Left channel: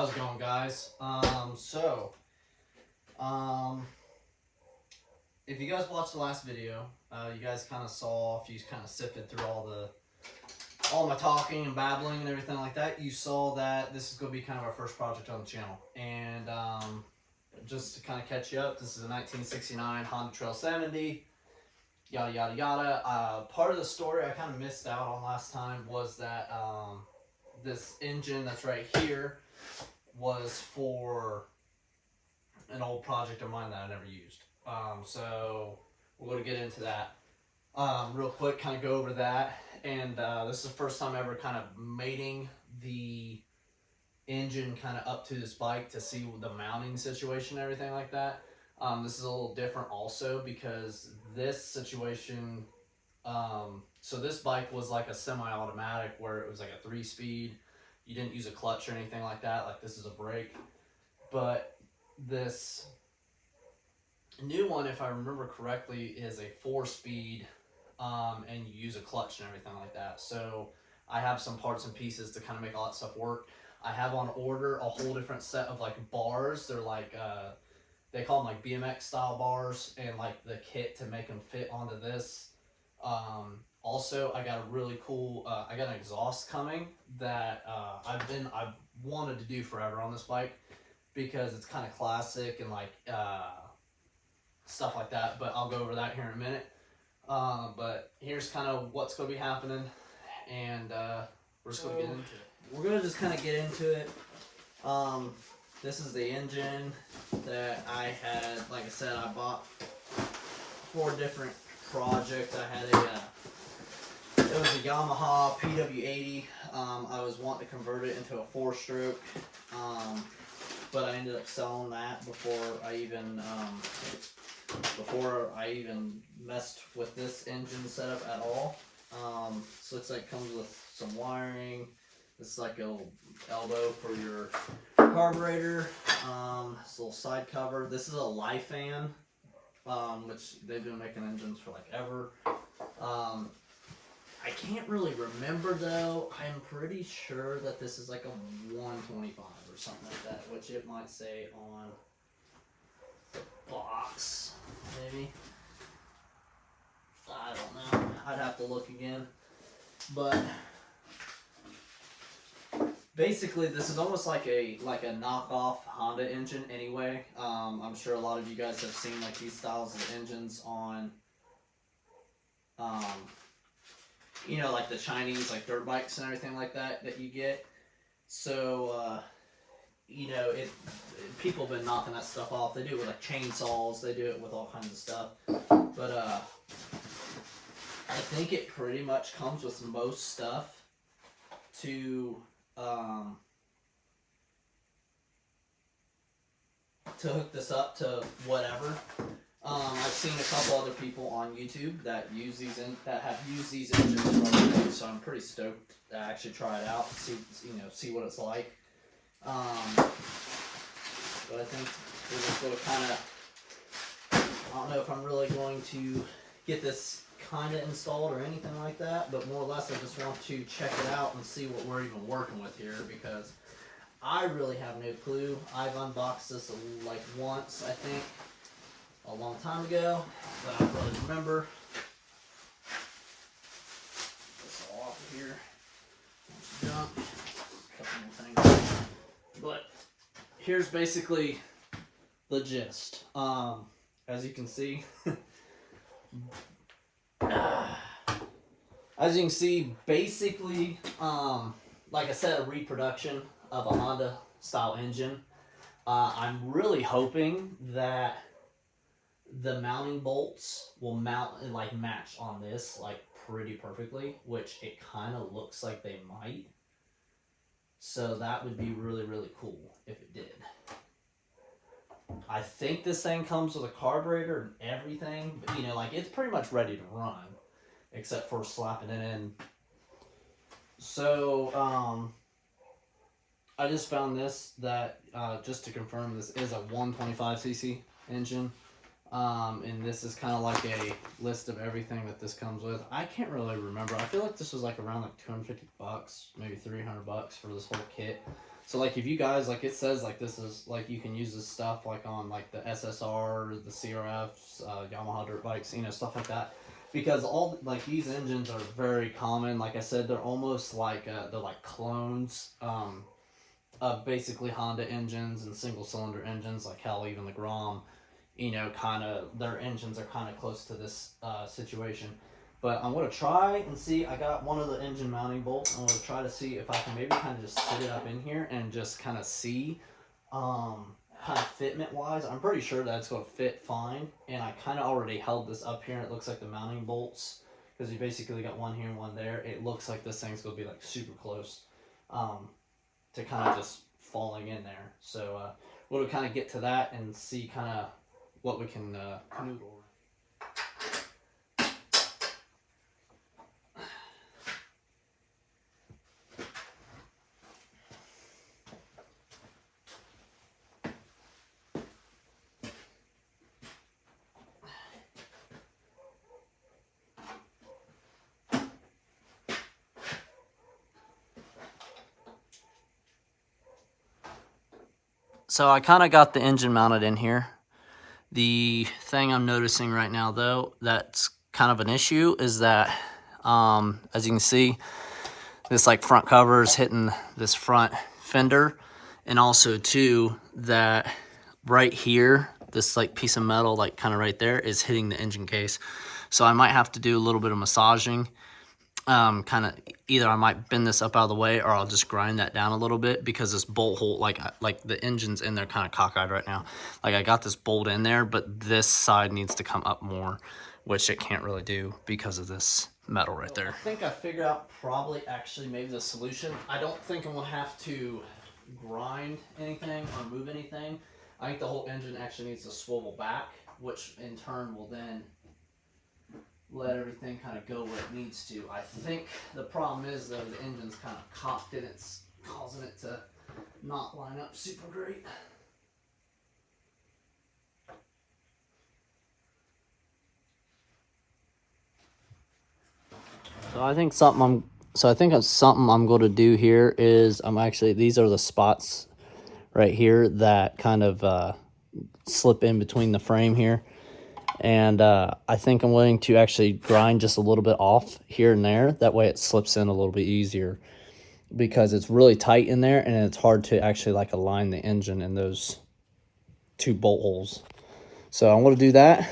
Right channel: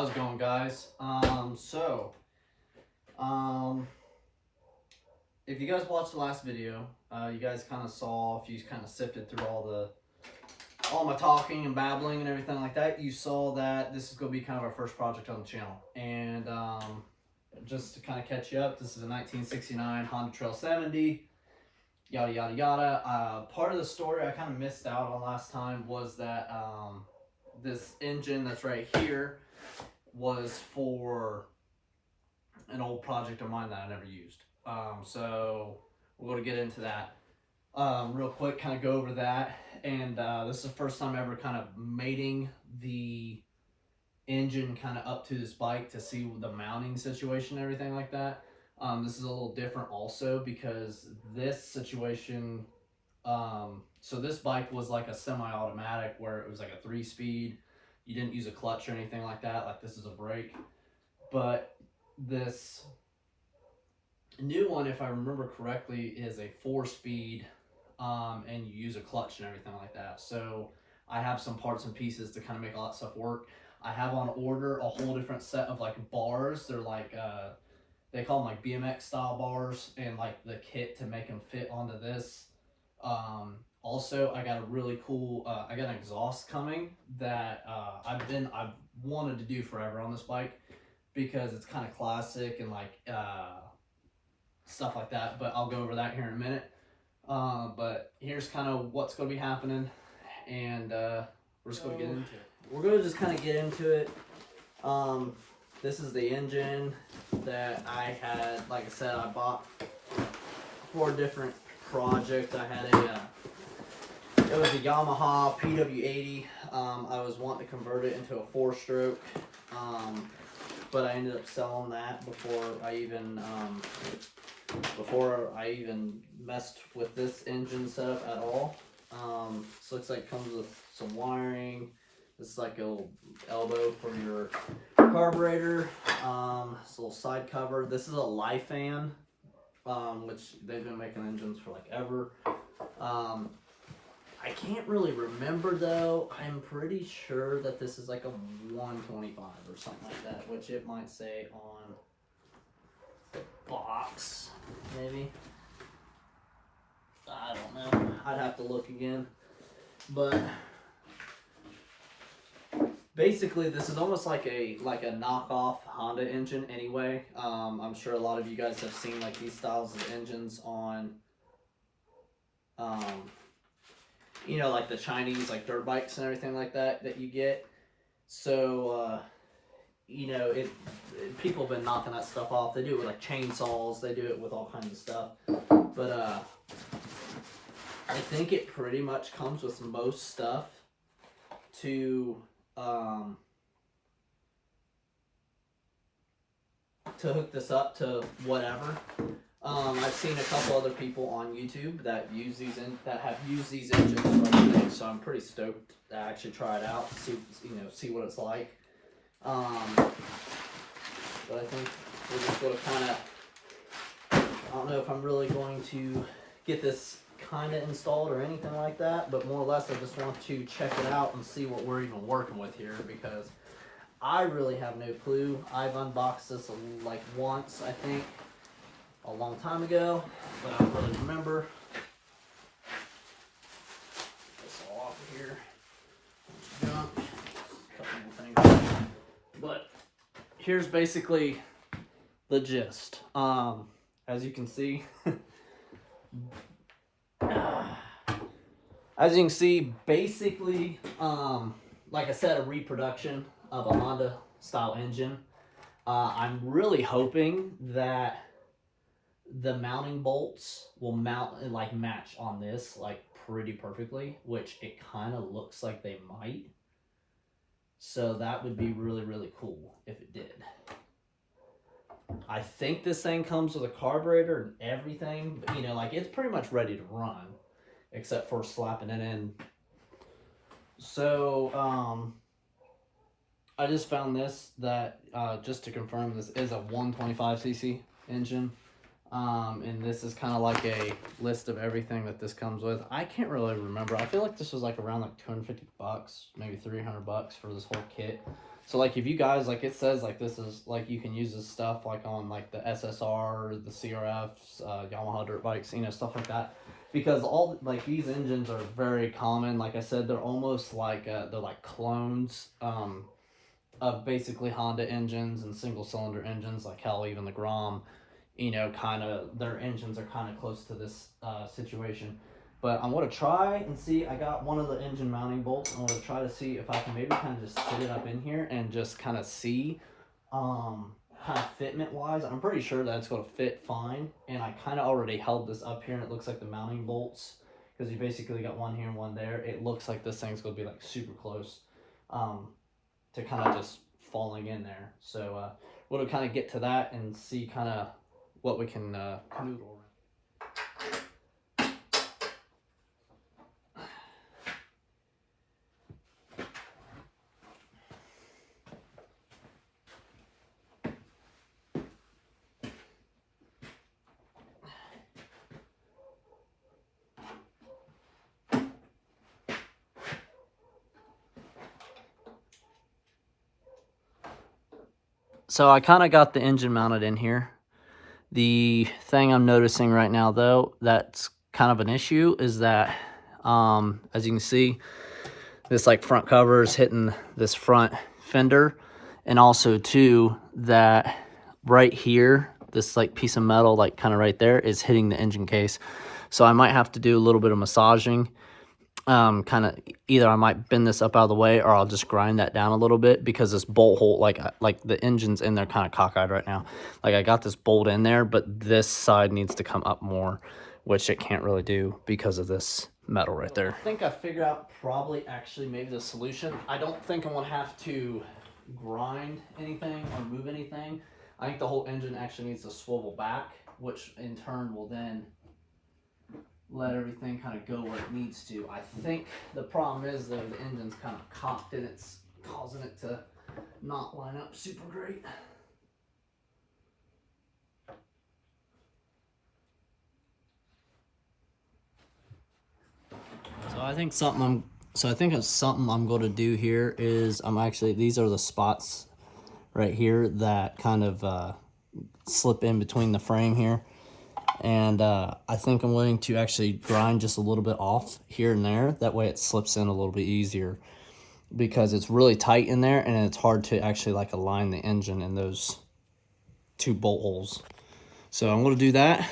How's it going, guys? If you guys watched the last video, you guys kind of saw, if you kind of sifted through all my talking and babbling and everything like that, you saw that this is going to be kind of our first project on the channel. And just to kind of catch you up, this is a 1969 Honda Trail 70, yada yada yada. Part of the story I kind of missed out on last time was that this engine that's right here was for an old project of mine that I never used. So we're going to get into that real quick, kind of go over that. And this is the first time ever kind of mating the engine kind of up to this bike to see the mounting situation and everything like that. This is a little different also because this situation, so this bike was like a semi-automatic where it was like a 3-speed. You didn't use a clutch or anything like that. Like this is a brake. But this new one, if I remember correctly, is a 4-speed, and you use a clutch and everything like that. So I have some parts and pieces to kind of make all that stuff work. I have on order a whole different set of like bars. They're like, they call them like BMX style bars, and like the kit to make them fit onto this. Also, I got a really cool, I got an exhaust coming that I've wanted to do forever on this bike because it's kind of classic and like stuff like that, but I'll go over that here in a minute. But here's kind of what's going to be happening, and we're just going to get into it. We're going to just kind of get into it. This is the engine that I had, like I said, I bought for a different project. I had it was a Yamaha PW80. I was wanting to convert it into a 4-stroke, but I ended up selling that before I even messed with this engine setup at all. So looks like it comes with some wiring. This is like a little elbow for your carburetor. This little side cover. This is a Lifan, which they've been making engines for like ever. I can't really remember though. I'm pretty sure that this is like a 125 or something like that, which it might say on the box, maybe. I don't know. I'd have to look again. But basically, this is almost like a knockoff Honda engine anyway. I'm sure a lot of you guys have seen like these styles of engines on you know, like the Chinese like dirt bikes and everything like that you get. So you know, people have been knocking that stuff off. They do it with like chainsaws, they do it with all kinds of stuff. But I think it pretty much comes with most stuff to hook this up to whatever. I've seen a couple other people on YouTube that have used these engines for other things, so I'm pretty stoked to actually try it out, see what it's like. But I think we're just going to kind of, I don't know if I'm really going to get this kind of installed or anything like that, but more or less I just want to check it out and see what we're even working with here, because I really have no clue. I've unboxed this like once, I think, a long time ago, but I don't really remember. This all off of here. Junk. A couple more things. But here's basically the gist. As you can see, basically, like I said, a reproduction of a Honda style engine. I'm really hoping that the mounting bolts will mount and like match on this like pretty perfectly, which it kind of looks like they might. So that would be really, really cool if it did. I think this thing comes with a carburetor and everything, but you know, like it's pretty much ready to run, except for slapping it in. So, I just found this, that just to confirm, this is a 125cc engine. And this is kind of like a list of everything that this comes with. I can't really remember. I feel like this was like around like 250 bucks, maybe 300 bucks for this whole kit. So like if you guys, like it says like this is like you can use this stuff like on like the SSR, the CRFs, Yamaha dirt bikes, you know, stuff like that. Because all like these engines are very common. Like I said, they're almost like they're like clones of basically Honda engines and single cylinder engines. Like hell, even the Grom, you know, kind of their engines are kind of close to this situation. But I'm going to try and see. I got one of the engine mounting bolts. I'm going to try to see if I can maybe kind of just sit it up in here and just kind of see kind of fitment wise. I'm pretty sure that it's going to fit fine. And I kind of already held this up here and it looks like the mounting bolts, because you basically got one here and one there. It looks like this thing's going to be like super close to kind of just falling in there. So we'll kind of get to that and see kind of what we can canoodle around. So I kind of got the engine mounted in here. The thing I'm noticing right now, though, that's kind of an issue is that, as you can see, this like front cover is hitting this front fender. And also, too, that right here, this like piece of metal, like kind of right there, is hitting the engine case. So I might have to do a little bit of massaging. Kind of either I might bend this up out of the way or I'll just grind that down a little bit, because this bolt hole, like the engine's in there kind of cockeyed right now. Like I got this bolt in there, but this side needs to come up more, which it can't really do because of this metal right there. I think I figured out probably actually maybe the solution. I don't think I'm gonna have to grind anything or move anything. I think the whole engine actually needs to swivel back, which in turn will then let everything kind of go where it needs to. I think the problem is though the engine's kind of cocked and it's causing it to not line up super great. So I think something I'm going to do here is these are the spots right here that kind of slip in between the frame here. And I think I'm willing to actually grind just a little bit off here and there. That way it slips in a little bit easier, because it's really tight in there and it's hard to actually like align the engine in those two bolt holes. So I'm going to do that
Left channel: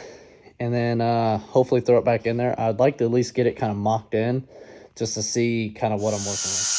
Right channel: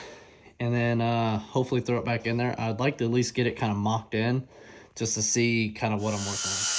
and then hopefully throw it back in there. I'd like to at least get it kind of mocked in just to see kind of what I'm working with.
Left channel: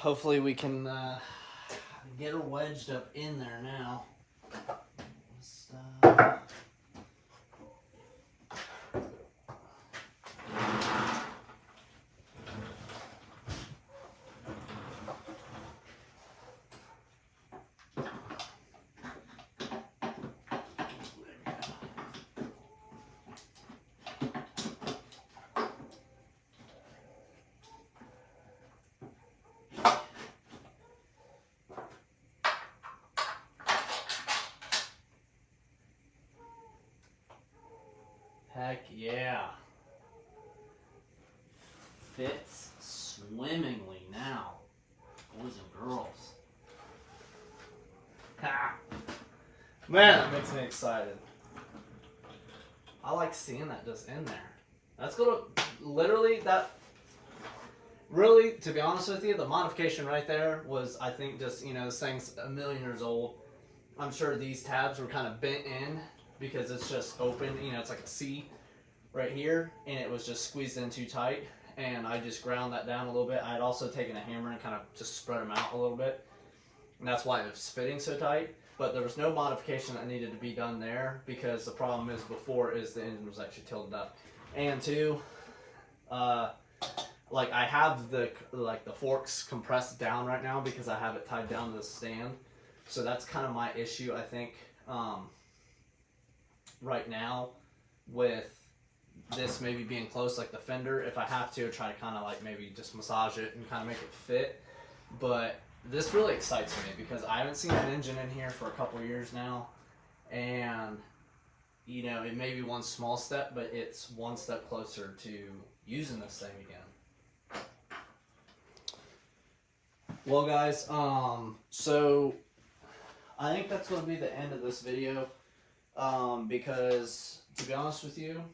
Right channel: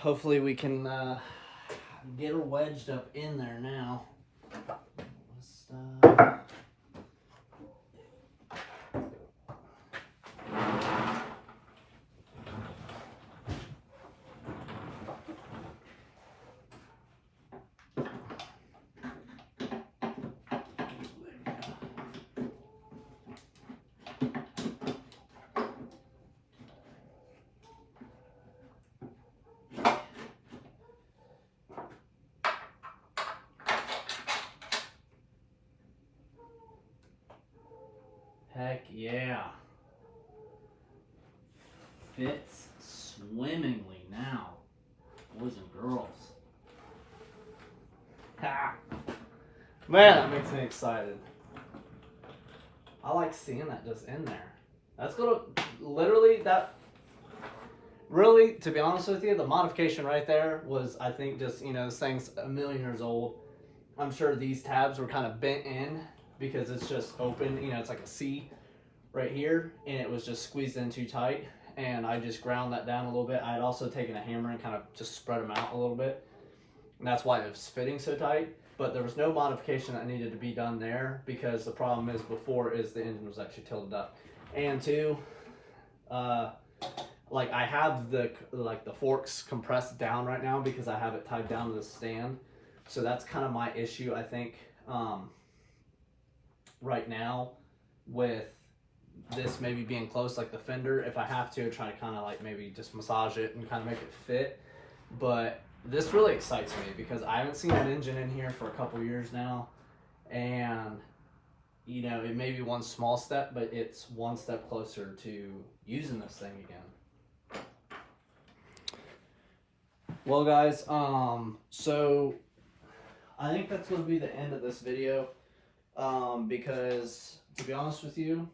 Hopefully we can get her wedged up in there now. Heck yeah. Fits swimmingly now, boys and girls. Ha! Man, that makes me excited. I like seeing that just in there. That's gonna literally, really, to be honest with you, the modification right there was, I think, just, you know, this thing's a million years old. I'm sure these tabs were kind of bent in because it's just open, you know, it's like a C right here, and it was just squeezed in too tight, and I just ground that down a little bit. I had also taken a hammer and kind of just spread them out a little bit, and that's why it was fitting so tight. But there was no modification that needed to be done there, because the problem is before is the engine was actually tilted up. And two, like I have the forks compressed down right now because I have it tied down to the stand. So that's kind of my issue, I think, right now with this maybe being close, like the fender. If I have to, try to kind of like maybe just massage it and kind of make it fit. But this really excites me because I haven't seen an engine in here for a couple years now, and you know, it may be one small step, but it's one step closer to using this thing again. Well guys, so I think that's going to be the end of this video, because to be honest with you,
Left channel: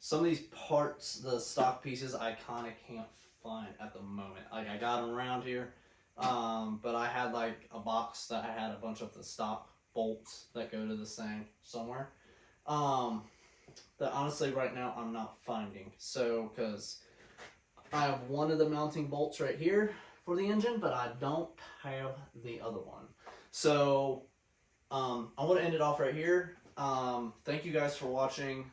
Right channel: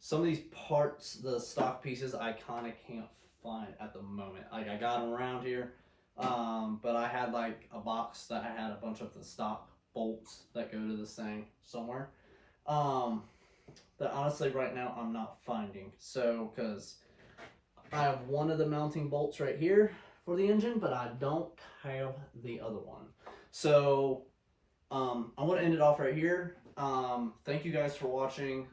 some of these parts, the stock pieces, I kind of can't find at the moment. Like I got them around here, but I had like a box that I had a bunch of the stock bolts that go to this thing somewhere, that honestly right now I'm not finding. So because I have one of the mounting bolts right here for the engine, but I don't have the other one. So I want to end it off right here. Thank you guys for watching.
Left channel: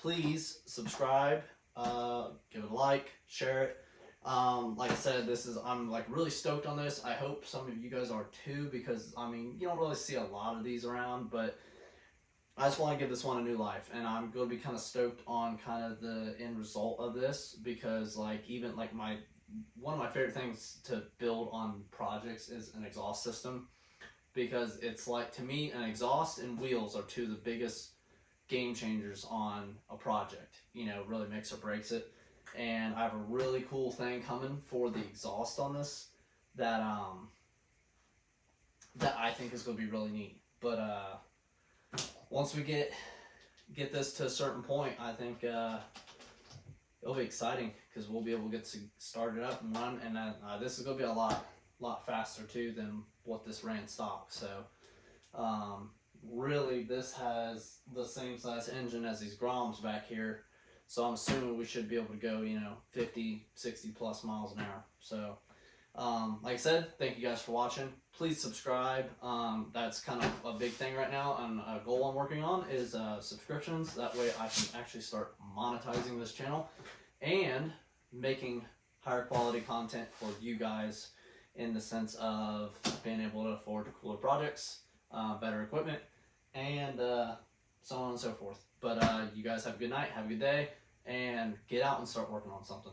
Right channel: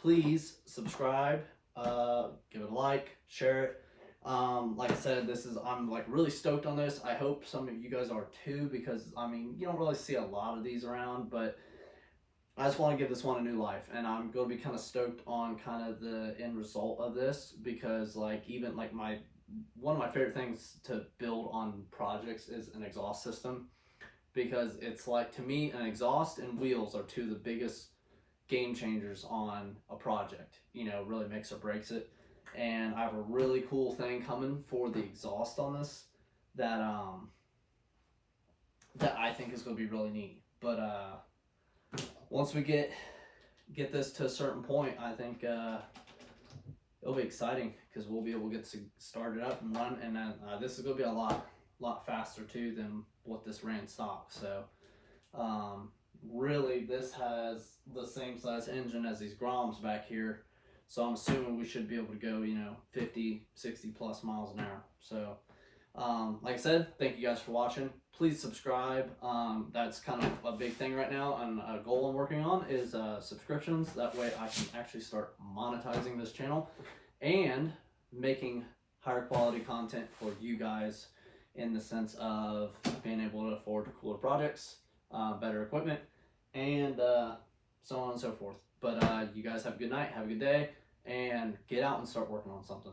Please subscribe, give it a like, share it. Like I said, I'm like really stoked on this. I hope some of you guys are too, because I mean, you don't really see a lot of these around, but I just want to give this one a new life, and I'm going to be kind of stoked on kind of the end result of this, because like even like one of my favorite things to build on projects is an exhaust system, because it's like, to me, an exhaust and wheels are two of the biggest game changers on a project. You know, really makes or breaks it. And I have a really cool thing coming for the exhaust on this that that I think is going to be really neat. But once we get this to a certain point, I think it'll be exciting, because we'll be able to get started up and run, and this is going to be a lot faster too than what this ran stock. So really this has the same size engine as these Groms back here, so I'm assuming we should be able to go, you know, 50, 60 plus miles an hour. So like I said, thank you guys for watching. Please subscribe. That's kind of a big thing right now, and a goal I'm working on is subscriptions. That way I can actually start monetizing this channel and making higher quality content for you guys, in the sense of being able to afford cooler projects, better equipment, and so on and so forth. But you guys have a good night, have a good day, and get out and start working on something.